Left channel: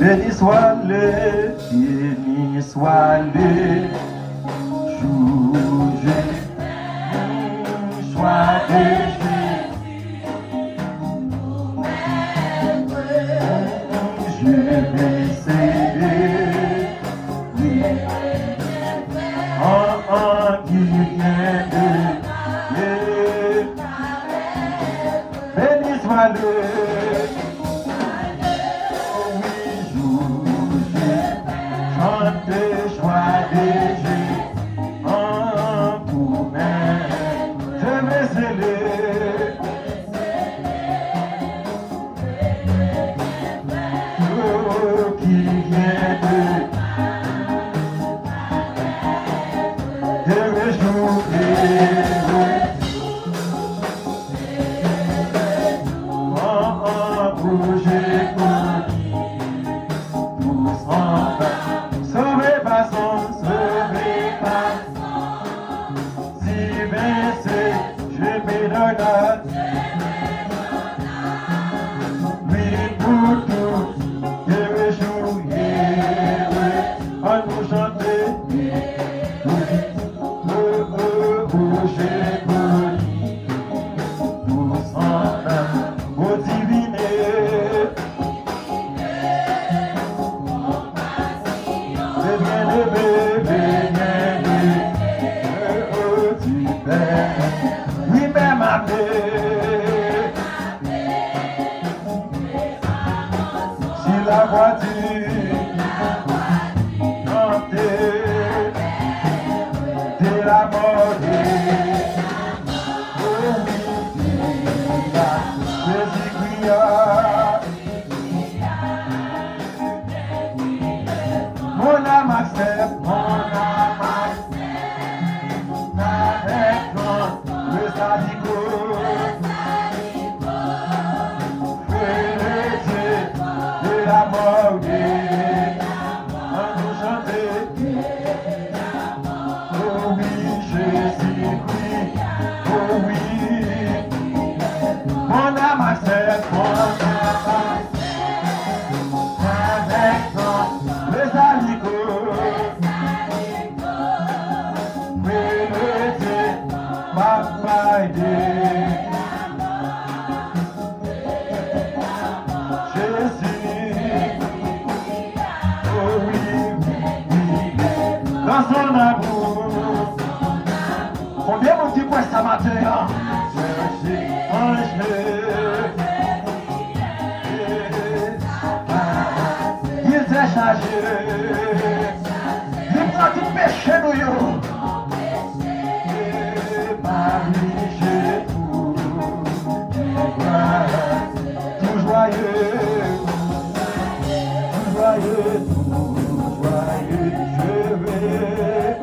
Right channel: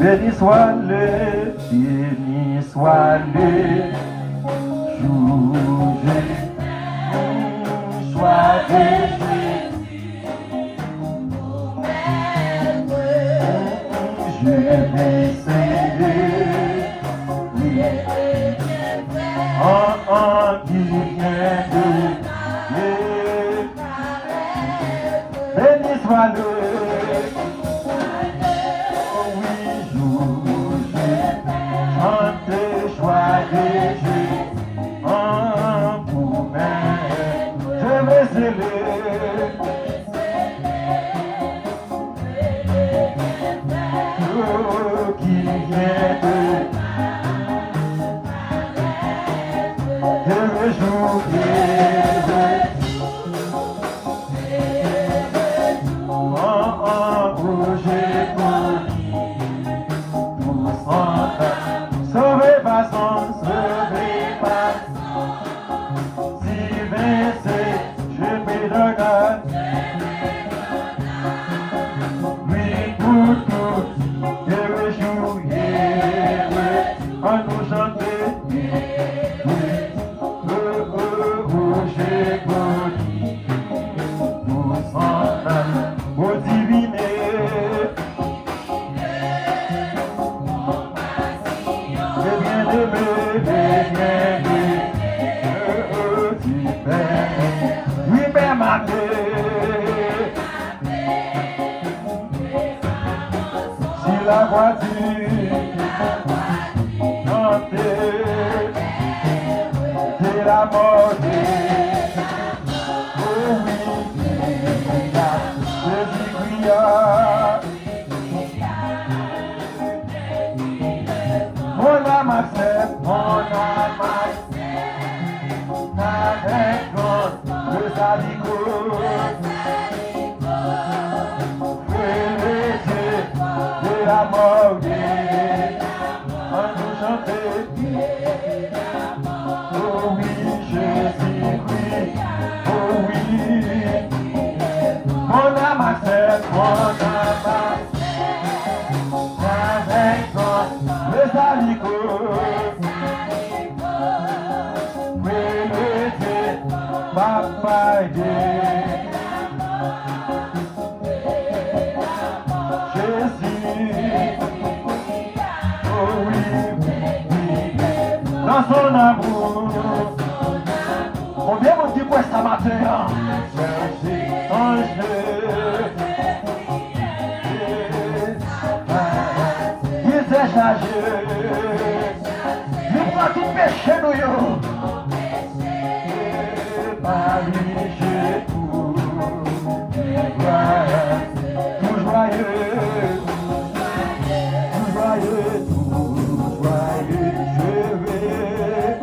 Béni soit les jours, sois béni. Je vais célébrer qui vient de Dieu. Béni soit le joie des jeux en vous-même. Je vais célébrer qui vient de me jouer. Bouger tous ensemble. Sauvé par son, sauvé par si versé, je vais le dar. Oui, pour tout, je vais jouer, en nous chanter. Bouger tous ensemble, au diviner. Oui, mais ma paix, si la voiture chantée, c'est la mode. Oh oui, Jésus mon âme a fait, avec le salico, de la mort, on nous chanter. Oh oui, Jésus, oh oui, mon âme a fait, avec le salico. Dans son amour, combien mon petit poing ça matin, il s'est chargé, il prend tout péché nous. Tout joyeux, je vais.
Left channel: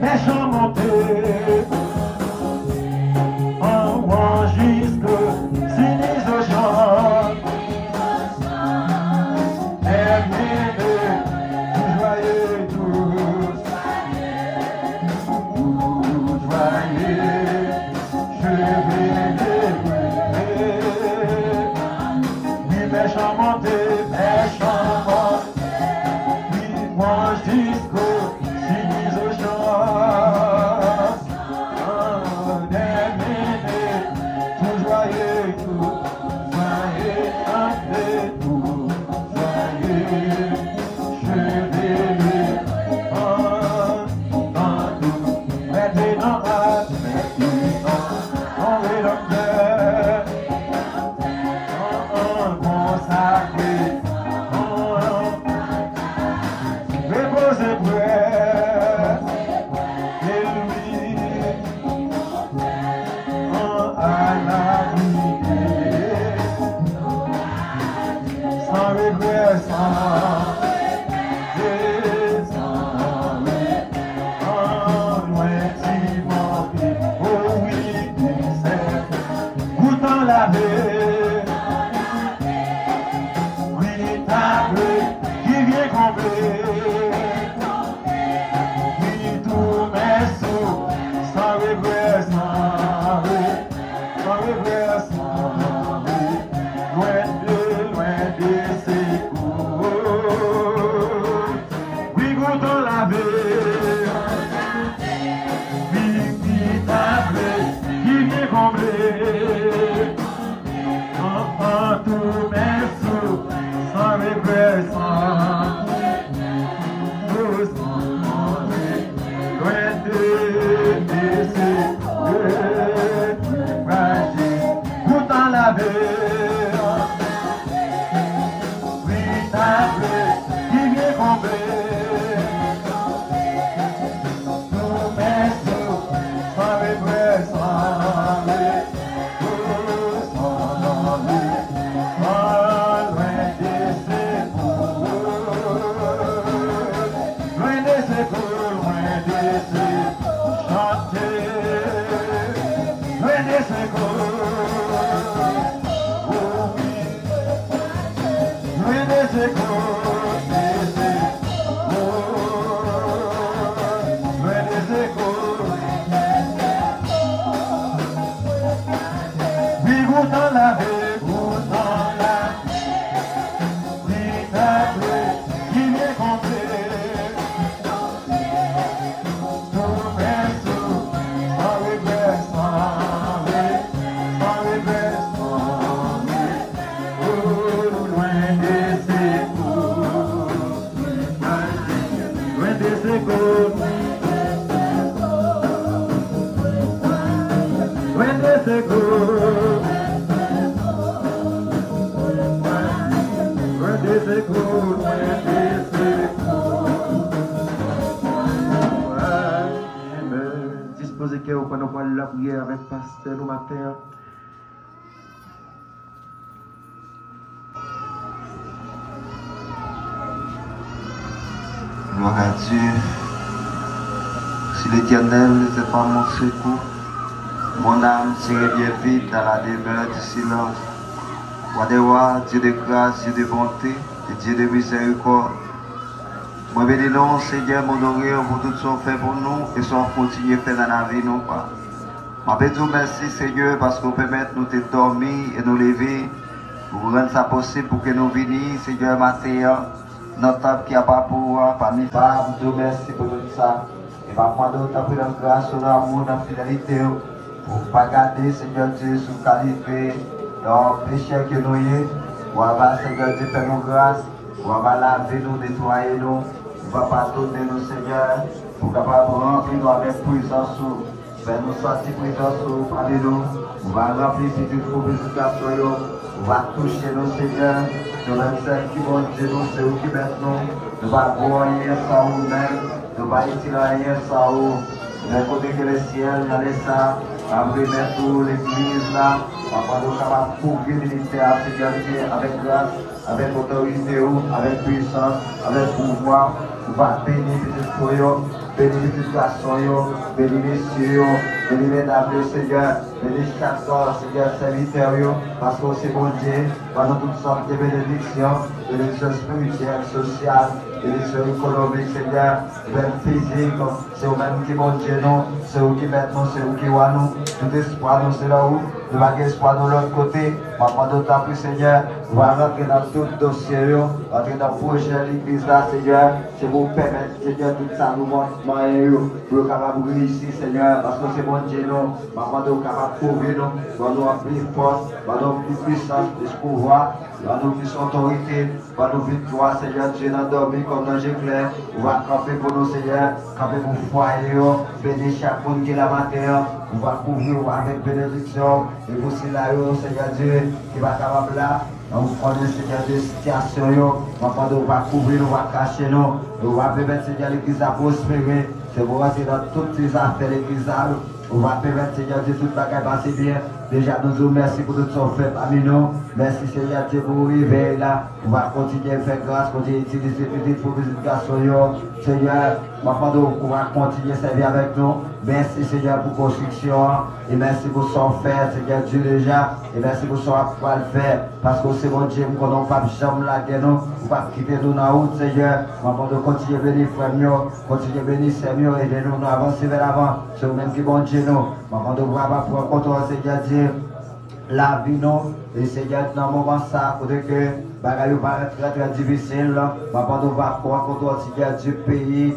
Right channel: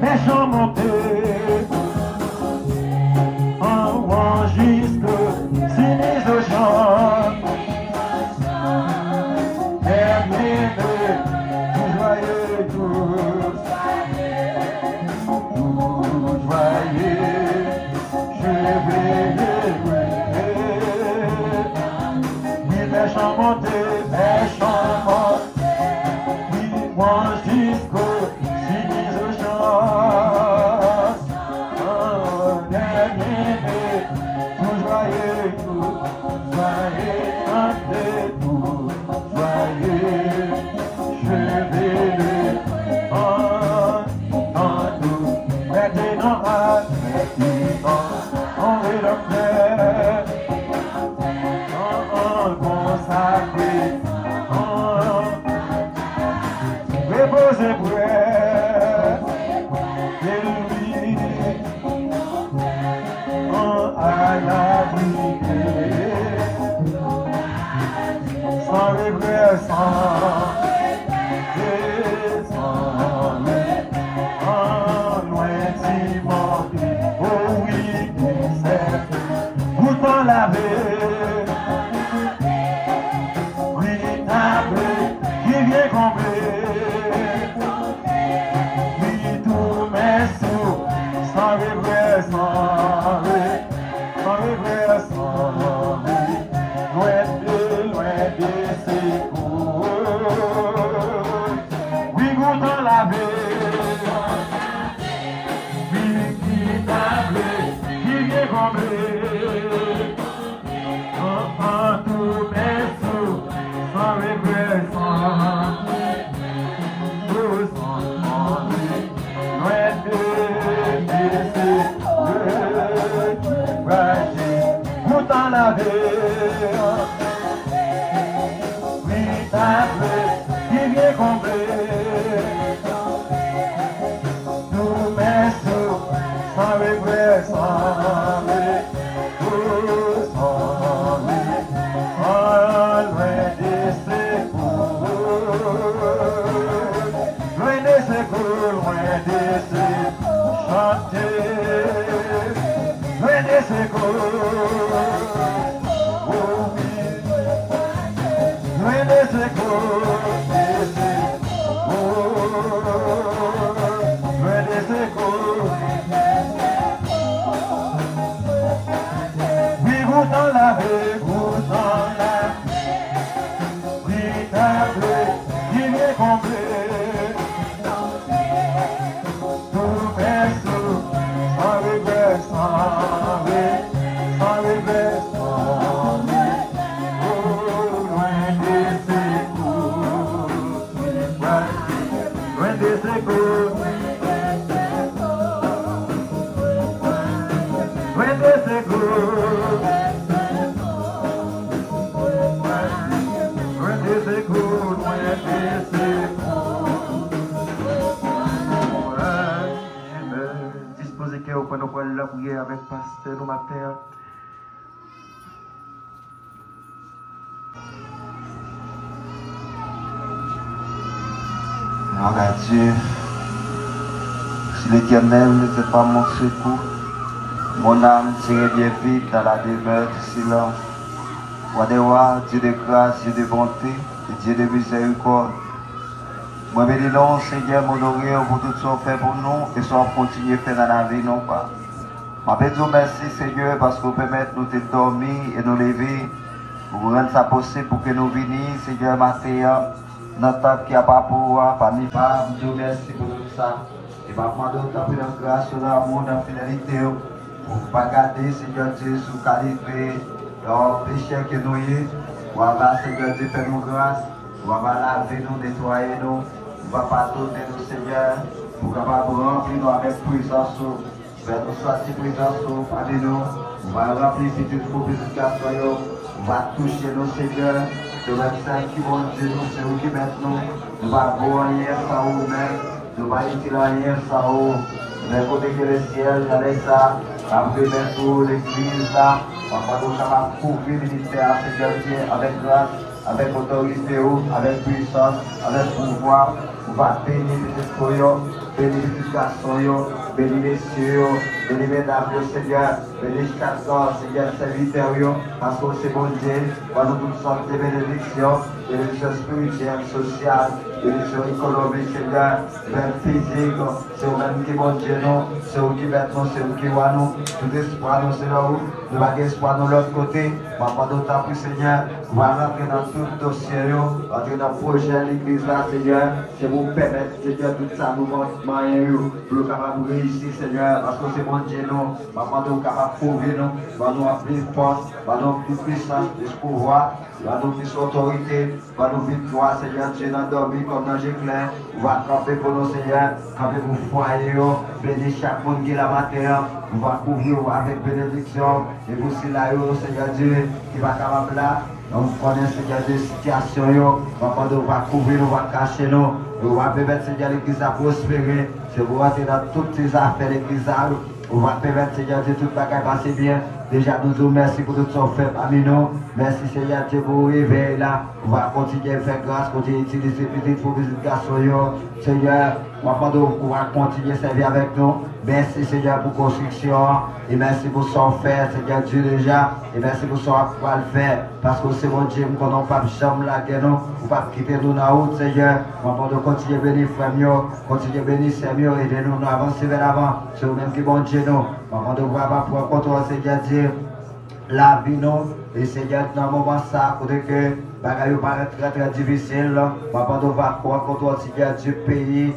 Mes chants montés en rang jusque sinistre au chant. Termineux, tout joyeux, tout joyeux. La prière avec pasteur au matin. Gloire à Dieu. Si l'Éternel n'était pas mon secours, mon âme serait bien vide dans la demeure du silence. Roi des rois, Dieu de grâce, Dieu de bonté et Dieu de miséricorde. Moi, bénis-nous, Seigneur, m'honorer pour tout ce qu'on fait pour nous et soit continuer à faire dans la vie, non pas. Je vais dire merci, Seigneur, parce que vous permettez de nous dormir et nous lever pour rendre ça possible pour que nous venions, Seigneur, matin, notre temps qui n'a pas pour parmi pas. Je vous merci pour tout ça. Et ma foi, d'autres après la grâce, sur l'amour, la fidélité, pour ne pas garder, Seigneur Dieu, sous qualité, leur péché que nous y on va, Seigneur Dieu, faire nos grâces, on va laver nous, nettoyer nous, on va pardonner nous, Seigneur, pour capable remplir nous avec puissance. Ben nous sortir présence parmi nous, on va remplir si tu faut purification, on va toucher nos seigneurs, de même celles qui vont dire nous, c'est eux qui maintenant, nous va voir hier ça ou même, nous va tirer hier ça ou, mais côté que le ciel, dans les ça, après mettre l'église là, on va pas capable couvrir le ministère, Seigneur Dieu, avec grâce, avec autorité, avec puissance, avec pouvoir, on va bénir les soyons. Bénis les garçons, bénis les messieurs, bénis les dames, Seigneur, bénis chaque corps, Seigneur, serviteur, parce que c'est bon Dieu, pendant toutes sortes de bénédictions, bénédictions spirituelles, sociales, bénédictions économiques, Seigneur, même physiques, c'est vous-même qui bon Dieu, nous, c'est vous qui mettez nous, c'est vous qui voyez nous, tout espoir, nous, c'est là où, nous n'avons pas espoir de l'autre côté, pendant notre temps, Seigneur, nous allons rentrer dans tout dossier, rentrer dans le projet de l'église, là, Seigneur, c'est vous permettre, Seigneur, tout ça, nous montre. Pour le capable de réussir, Seigneur, parce que c'est bon Dieu, nous, maman, nous capable de couvrir nous, nous plus force, nous plus puissance, plus pouvoir, nous plus autorité, nous victoire, Seigneur, Dieu, nous dormir comme dans l'éclair, on va camper pour nous, Seigneur, camper pour le foyer, bénir chaque monde qui est la matin, on va couvrir avec bénédiction, et pour cela, Seigneur Dieu, qui va capable là. On connaît Seigneur des situations, on va couvrir, on va cacher nous, on va permettre Seigneur l'église à prospérer, c'est pour rentrer dans toutes ces affaires l'église, on va permettre Seigneur Dieu tout le bagage passer bien. Déjà nous vous merci pour tout ce qu'on fait parmi nous. Merci Seigneur Dieu pour arriver là. On va continuer à faire grâce, continuer à utiliser petites purifications. Seigneur, on va continuer à servir avec nous. Merci Seigneur pour la construction. Et merci pour ce qu'on fait, Seigneur Dieu déjà. Et merci pour ce qu'on va faire. Parce que c'est bon Dieu, nous ne pas jamais la guerre, nous. On va quitter nous dans la route, Seigneur. On va continuer à bénir frère, continuer à bénir Seigneur, et de nous avancer vers l'avant. C'est vous-même qui bon Dieu, nous. On va prendre contrôle, Seigneur Dieu. La vie, nous. Et Seigneur, dans le moment ça, pour que bagaille paraît très difficile. On va prendre contrôle, Seigneur Dieu, pays,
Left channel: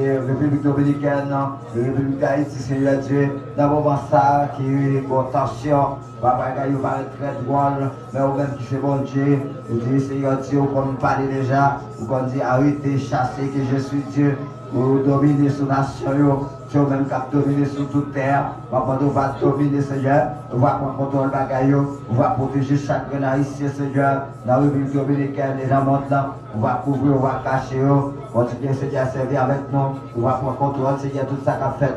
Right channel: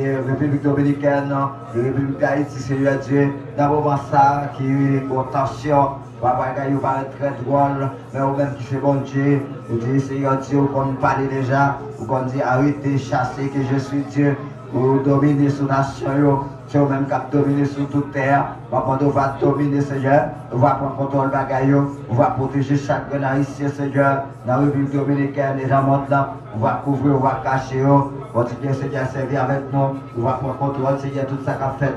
et République Dominicaine, et République d'Haïti, Seigneur Dieu. Dans le moment ça, qui est pour tension. Bagaille paraît très drôle, mais vous même qui c'est bon Dieu. Vous dites, Seigneur Dieu, comme nous parlez déjà, vous dit arrêtez, chassez, que je suis Dieu. Vous dominez sur la nation, c'est vous-même qui dominez sur toute terre. On va dominer, Seigneur. On va prendre contrôle de bagaille. On va protéger chaque grenade ici, Seigneur. Dans la République dominicaine et dans le monde là. On va couvrir, on va cacher. Continuer, Seigneur, à servir avec nous. On va prendre contrôle, Seigneur, tout ça qu'a fait.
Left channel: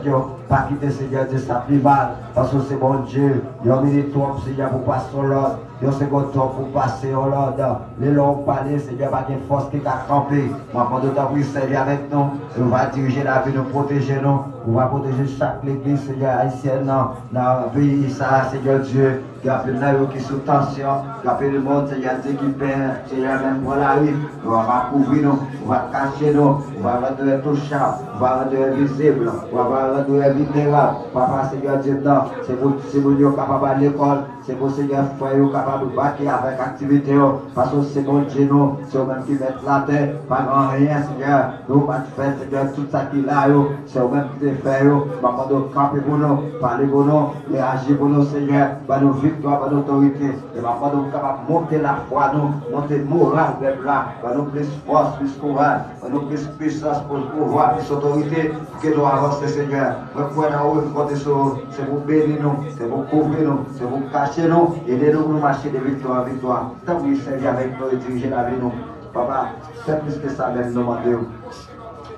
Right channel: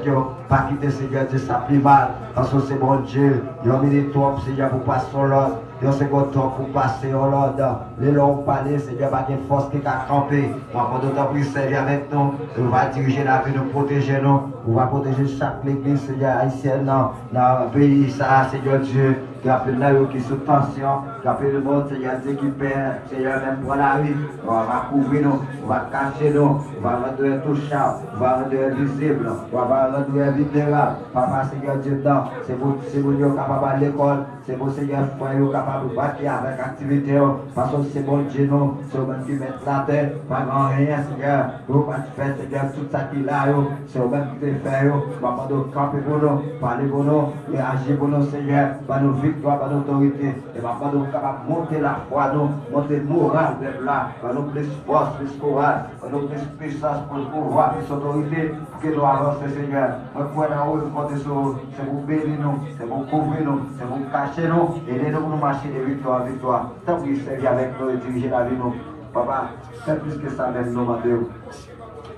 Pas quitter, Seigneur, de sa plus mal. Parce que c'est bon Dieu. Il y a un minute, Seigneur, pour passer sur l'ordre. Il y a un second temps pour passer sur l'ordre. Les longs palais, Seigneur, pas de force qui a campé. On va prendre d'autant pour servir avec nous. On va diriger la vie, nous protéger nous. On va protéger chaque église, Seigneur, haïtienne, dans le pays, ça, Seigneur Dieu, qui a plein de qui sous tension, qui a plein de monde, Seigneur Dieu, qui perd, Seigneur, même pour la rue. On va couvrir nous, on va cacher nous, on va rendre touchable, on va rendre visible, on va rendre libérable. Papa, Seigneur Dieu, non, c'est vous qui êtes capable à l'école, c'est vous, Seigneur, frère, capable de battre avec activité, parce que c'est bon Dieu, nous, c'est vous qui mettez la terre, pas grand rien, Seigneur, nous, pas de faire, Seigneur, tout ça qui est là, c'est vous qui fait, papa, de camper pour nous, parler pour nous, réagir pour nous, Seigneur, par nos victoires, par nos autorités, et papa, nous, capable de monter la foi, nous, monter le moral, là, par nous, plus force, plus courage, par nous, plus puissance, pour le pouvoir, plus autorité, que nous avancer, Seigneur. Nous pouvons compter sur c'est vous bénir nous, c'est vous couvrir nous, c'est vous cacher nous, aider nous à marcher de victoire en victoire. Tant que vous servez avec nous et diriger la vie, nous, papa, c'est plus que ça, même nous, Mathieu.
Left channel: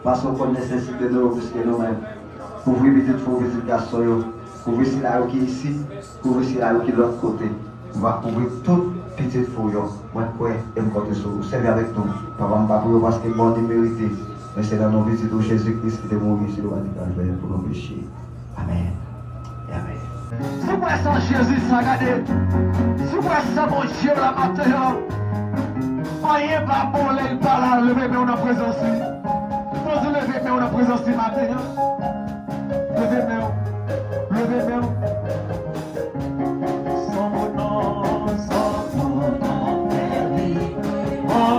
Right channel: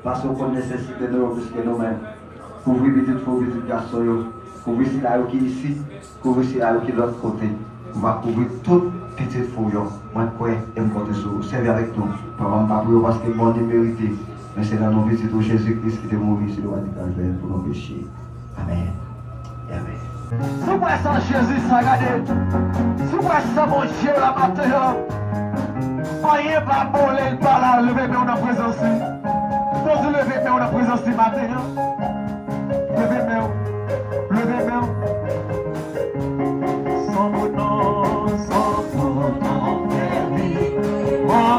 Parce qu'on nécessite de nous plus que nous-mêmes. Couvrir petite faux, petite garçon, couvrir si là qui est ici, couvrir si là qui est de l'autre côté. On va couvrir toute petite faux, moi, quoi, et me compter sur vous, servez avec nous. Papa, je ne pas pour parce que bon, mérité. Mais c'est dans nos vies de Jésus-Christ qui est mort sur le radical pour nos péchés. Amen. Amen. Si vous sans Jésus, ça regardez. Si vous sans mon Dieu, la matin, rien pas bon, les pas là, levez-moi en présence. Pour vous lever en présence du matin. Levez-moi. Levez-moi. Sans mon nom, sans mon nom, mon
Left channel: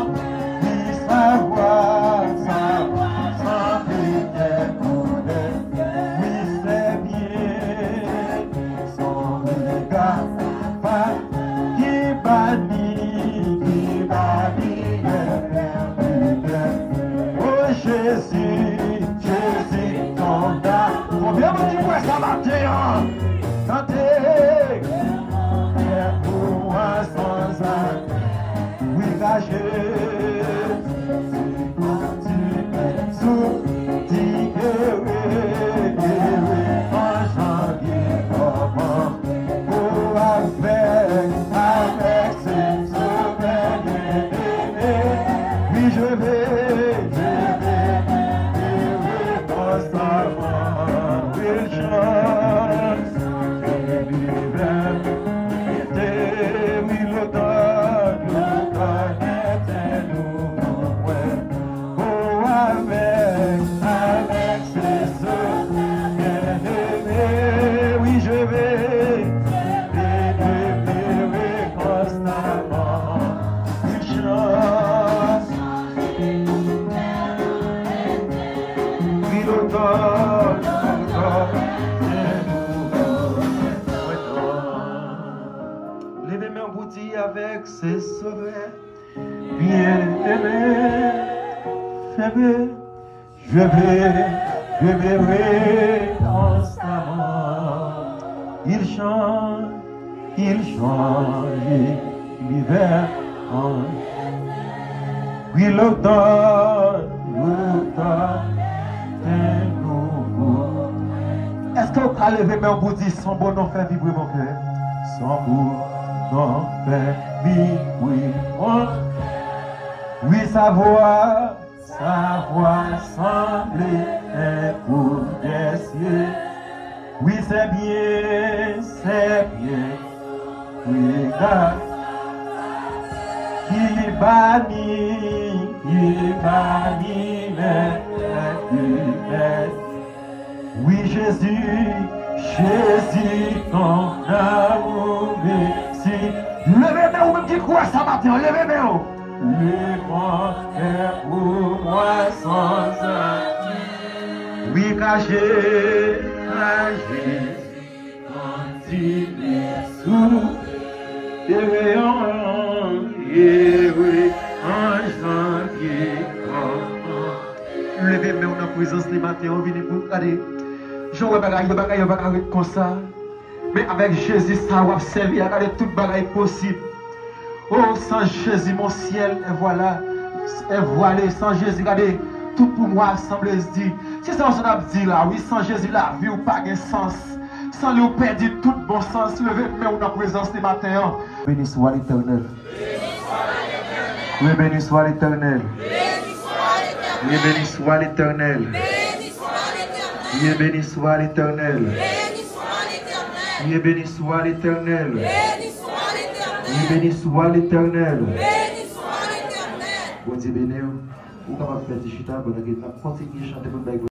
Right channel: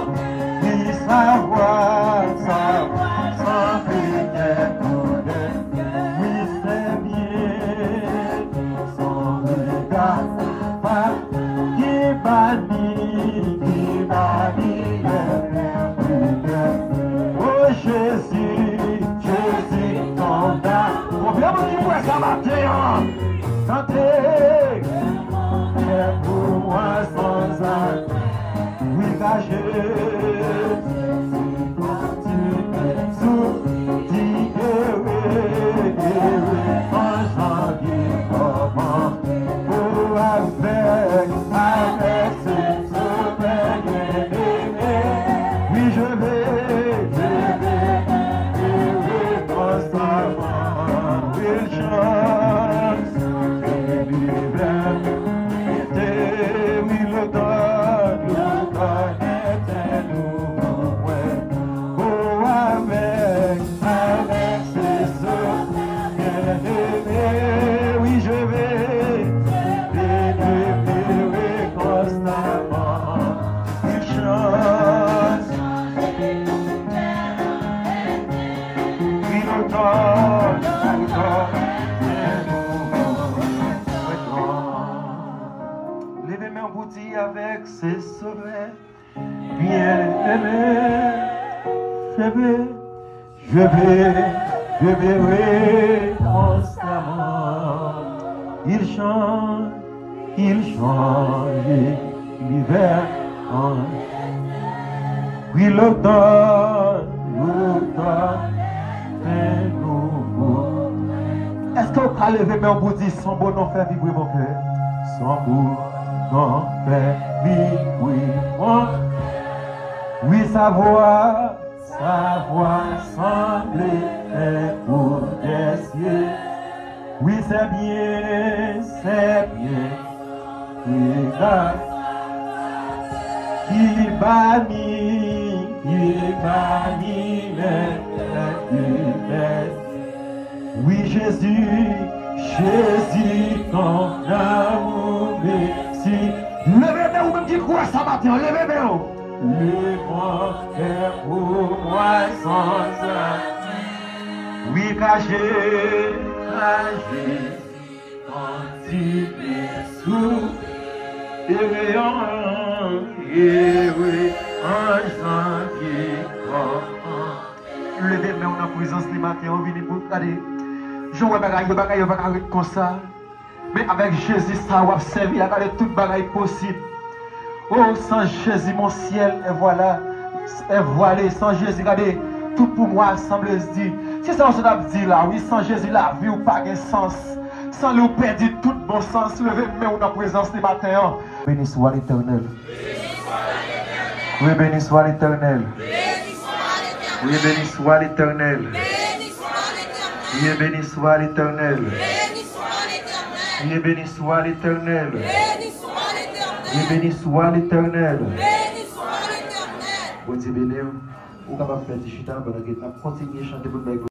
il savoir, savoir, sans prière, oui c'est bien, son regard, pas qui bannit oh Jésus, Jésus, ton âme. Faut bien me dire quoi ça matin, chantez, pour moi sans âme, oui caché. Avec ses sommets bien-aimés, je verrai constamment. Il change l'hiver. Oui, l'automne est nouveau. Est-ce que vous pouvez lever mes pour dire son bon nom fait vibrer mon cœur? Son bon nom fait vibrer mon cœur. Oui, sa voix semblait pour des cieux. Oui, c'est bien, regarde. Qui bannit les humains. Oui, Jésus, ton amour, merci. Levez-moi, vous me dites quoi ça matin? Levez-moi. Le monde est pour moi sans âme. Oui, caché, anti-sous, et oui, un qui levez-moi en présence des matins, on vient pour regarder. Je vois bagaille comme ça. Mais avec Jésus, ça va servir à regarder toute bagaille possible. Oh, sans Jésus, mon ciel est voilà, est voilé. Sans Jésus, regardez, tout pour moi semble se dire. Si ça on a dit là, oui, sans Jésus, la vie ou pas de sens. Sans lui perdre tout bon sens, levez-moi en présence des matins. Béni soit l'Éternel. Oui, béni soit l'Éternel. Oui, béni soit l'Éternel. Dieu béni soit l'Éternel. Dieu béni soit l'Éternel. Dieu béni soit l'Éternel. Bon Dieu béni, vous êtes capable de faire des chutes pendant que vous continuez à chanter pour